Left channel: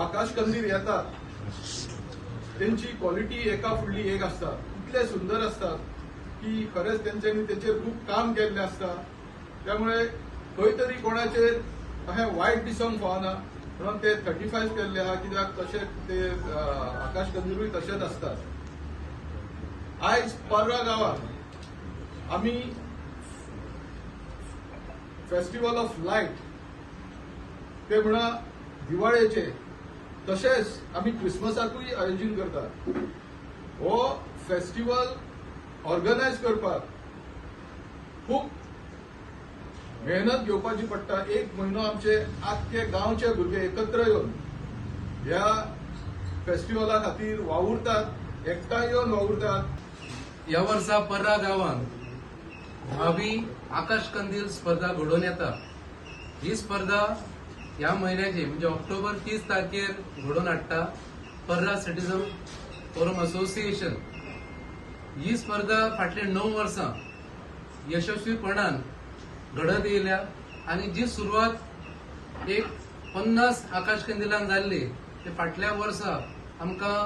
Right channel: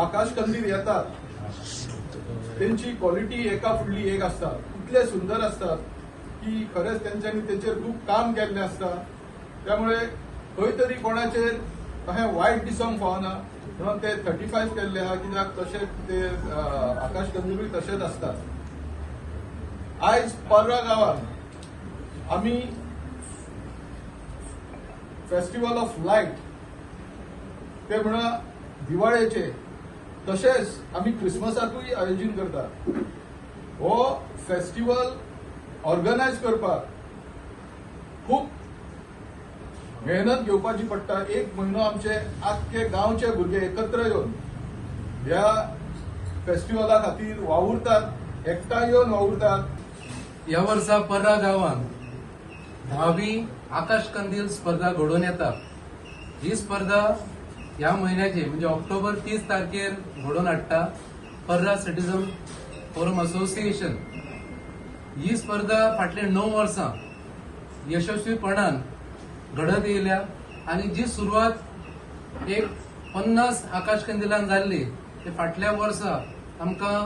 आकाश कंदील येतात त्यांची क्वालिटी एका फुडली एक असता, इतले सुंदर असतात की खरेंच त्यांच्यानी तेचेर खूप काम केल्लें असता. त्यामुळे खंय तरी कोणाचेर अशें वायट दिसूंक फावना म्हणून ते 35 केल्ले आहा. कित्याक तशें ते आकाश कंदीलूय तशेंच असतात. आयज पर्रा गांवांत आमी फेस्टिवल ऑफ लायट ते म्हणा दिवाळेचे तशेंच आमी क्रिसमसाकूय आयोजन करतात. हो फेस्टिवल ऑर्गनायज करपाक खूब मेहनत घेवपाची पडटा. एक म्हयनो आमचे आख्खे गांवचे भुरगे एकत्र येवन ह्या फेस्टिवला खातीर वावुरतात, एकठांय येवन वावुरतात. या वर्सा पर्रा गांवांत 10वी आकाश कंदील स्पर्धा घडोवन येता. ही स्पर्धा ह्या म्हयन्याची म्हणजे ऑक्टोबर 30 तारखेर घडोवन हाडटा पर्रा सिटीजन फोरम असोसिएशन. ही स्पर्धा फाटले 9 वर्सां यशस्वीपणान घडत येयल्या आनी जी सुरवात एक 50 आकाश कंदिलांक जाल्ली ते फाटल्या वर्सा आमकां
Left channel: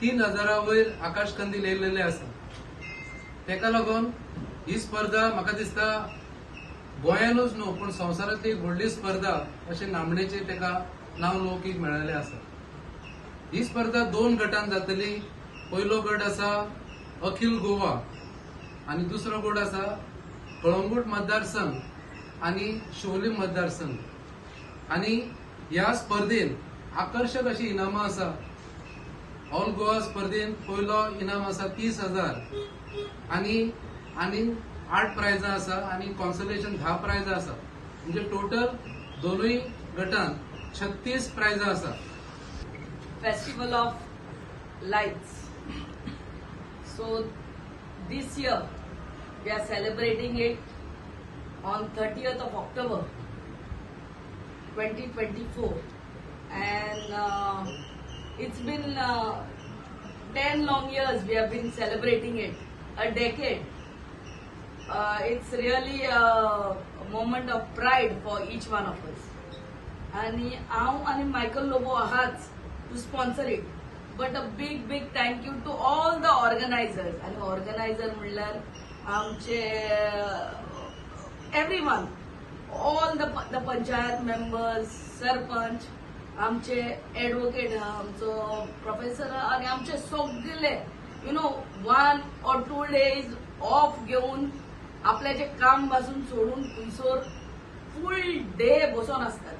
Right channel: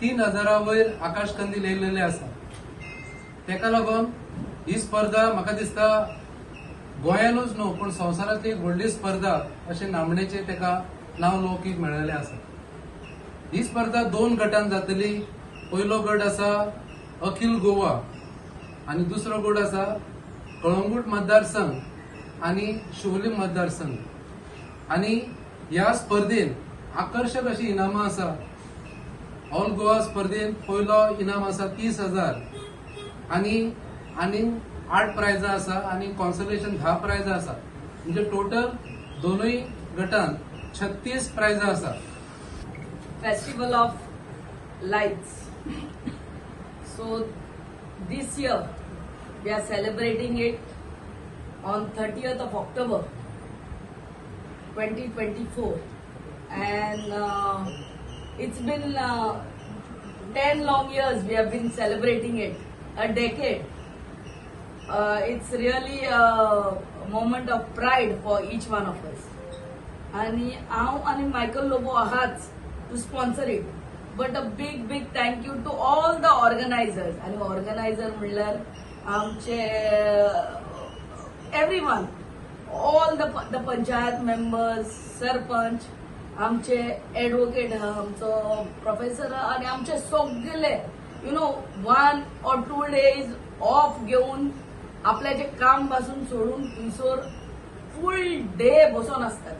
3000 वयर आकाश कंदील येयलेले आसा. तेका लागून ही स्पर्धा म्हाका दिसता गोंयानूच न्हू पूण संवसारांतली एक व्हडली स्पर्धा अशें नामणेचे तेका नांव लौकीक मेळयलें आसा. ही स्पर्धा 2 गटांत जातली. पयलो गट आसा अखिल गोवा आनी दुसरो गट आसा कळंगूट मतदारसंघ आनी शिवोलीम मतदारसंघ. आनी ह्या स्पर्धेन आकर्षक अशी इनामां आसा. ऑल गोवा स्पर्धेन पयलो इनाम आसा 30,000 आनी 8 प्रायजां आसा आनी कॉन्सोलेशन 10 प्रायजां आसा. म्हणजे टोटल दोनूय गटांत 36 प्रायजां आसा. Festival of Lights. So this year we are celebrating it on 30th of October 2024 and it's been 10 long years we have been celebrating it, a decade. It's really a moment of pride for each one of us. आणि हांव आणि Michael Lobo आहाच to sponsor it. But a big thank you to all the organizers. आणि organiser म्हणल्यार आमचे everyone, all the panchayat members, sarpanch, आमचे advocate, आमचो professor आणि आमचे सगळे 1 or 2 days ऑफ घेऊन आपल्याचे काम पासून सोडून थंयसर फुल डे बसून असतात.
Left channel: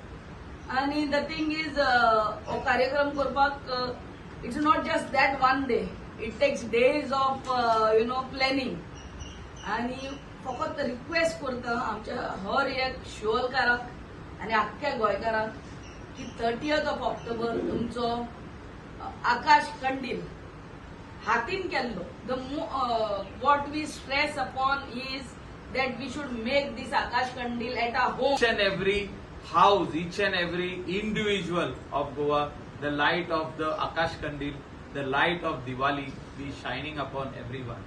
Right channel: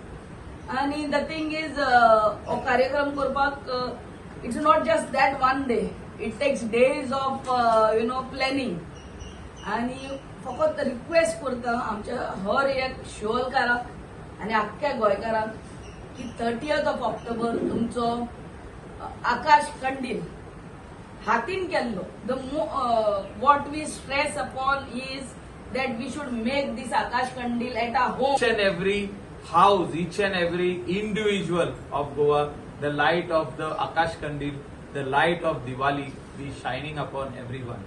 आणि द थिंग इज हो कार्यक्रम करपाक it's not just that 1 day. It takes days of planning. आणि फकत रिक्वेस्ट करता आमच्या हर एक शिवोलकाराक आणि आख्ख्या गोंयकारांक की 30th of October तुमचो आकाश कंदील हातीन केल्लो. What we stress upon is that we should make this Akash Kandil at our home. Each and every house, each and every individual of Goa, the light of the Akash Kandil, the light of Diwali be shining upon everyone.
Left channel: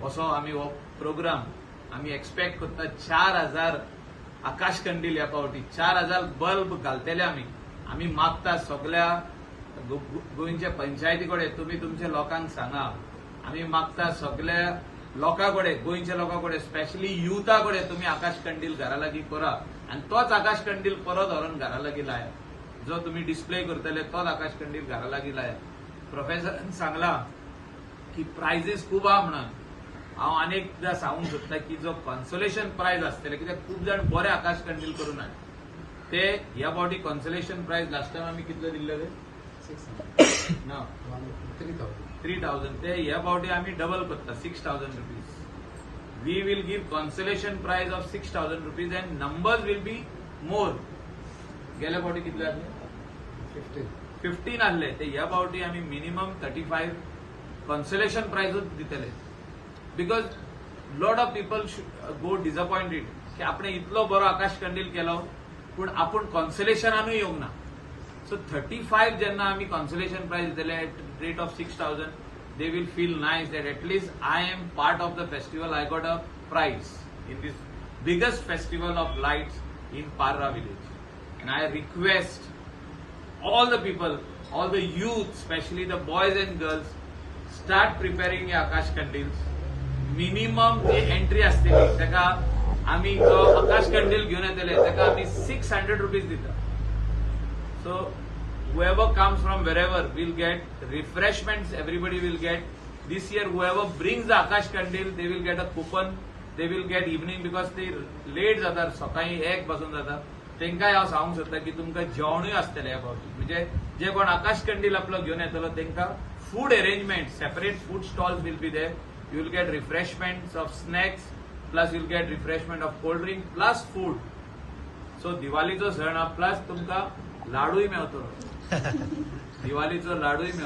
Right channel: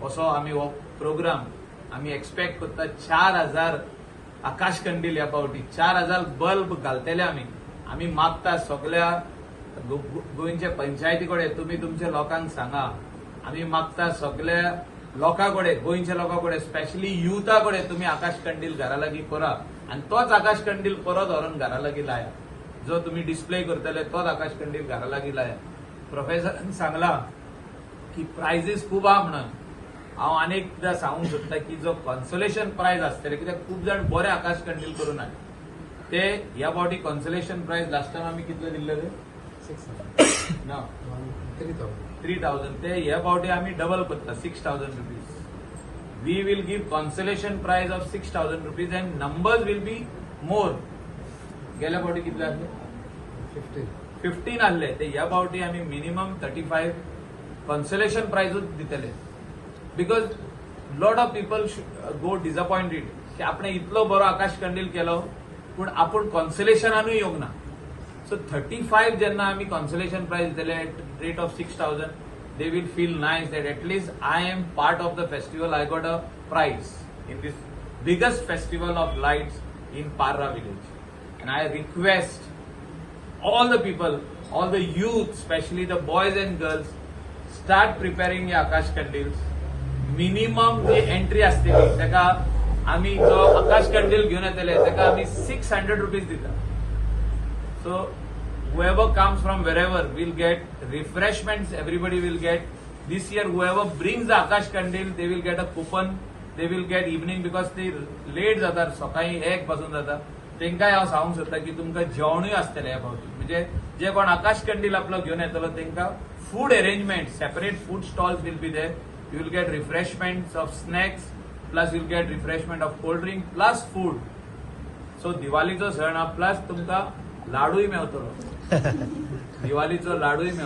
Also, आमी हो programme आमी expect करता 4000 आकाश कंदील ह्या पावटी 4000 bulb घालतले आमी मागता सगळ्या गोंयच्या पंचायती कडेन तुम्ही तुमच्या लोकांक सांगा. आमी मागता सगळ्या लोकां कडेन, गोंयच्या लोकां कडेन, स्पेशली युथा कडेन तुम्ही आकाश कंदील घरा लागीं करा आनी तोच आकाश कंदील परत व्हरून घरा लागीं लाया. जो तुम्ही डिस्प्ले करतले तोच आकाश कंदील घरा लागीं लाया. प्रोफेसरान सांगला की प्रायझीस खूब आहा म्हणून. हांव अनेकदा सांगूंक सोदता की जो कॉन्सोलेशन प्रायज आसतले, कित्याक खूब जाण बरे आकाश कंदील करून हाड ते ह्या फावटी कॉन्सोलेशन प्रायज लास्ट टायम आमी कितले दिल्ले रे? 3,000. ते ह्या फावटी आमी डबल करता 6,000 rupees. We will give consolation prize of 6,000 rupees and numbers will be more. गेल्या फावटी कितले आसले? 15 आसले. ते ह्या फावटी आमी मिनिमम 35 कॉन्सोलेशन प्राइजूच दितले. Because lot of people go disappointed की आपण इतलो बरो आकाश कंदील केलो पूण आपूण कॉन्सोलेशनानूय येवंक ना. So 35 जेन्ना आमी कॉन्सोलेशन प्राइज दिले at rate of 6,000, they will feel nice that at least I am part of the festival. I got a prize in this biggest festival of lights in Parra village. And I request all the people, all the youth, especially the boys and girls, start preparing हे आकाश कंदील्स. Minimum जी entry असतली ताका आम्ही जो आकाश कंदील घेऊन येतले ताका आम्ही 600 रुपीज दिता. So whoever comes from wherever will get refreshments, everybody will get. This year whoever brings the Akash Kandil, they will get a coupon, they will get evening because they late जातात सकाळी 1 पासून जाता. तेंकाय हांव सांगूंक सोदता की तुमकां जेवणूय आसतलें ह्या फावटी. म्हणजे जे कोण आकाश कंदील आपलो घेवन येतलो तेंकां food arrangement, separate food stalls will be there. You will get refreshments of snacks, plus you'll get refreshment of cold drink, plus food. So दिवाळीचो सण हा प्लस तुमकां लाडूय मेळटलो. दिवाळीचो लाडूय मेळटलो.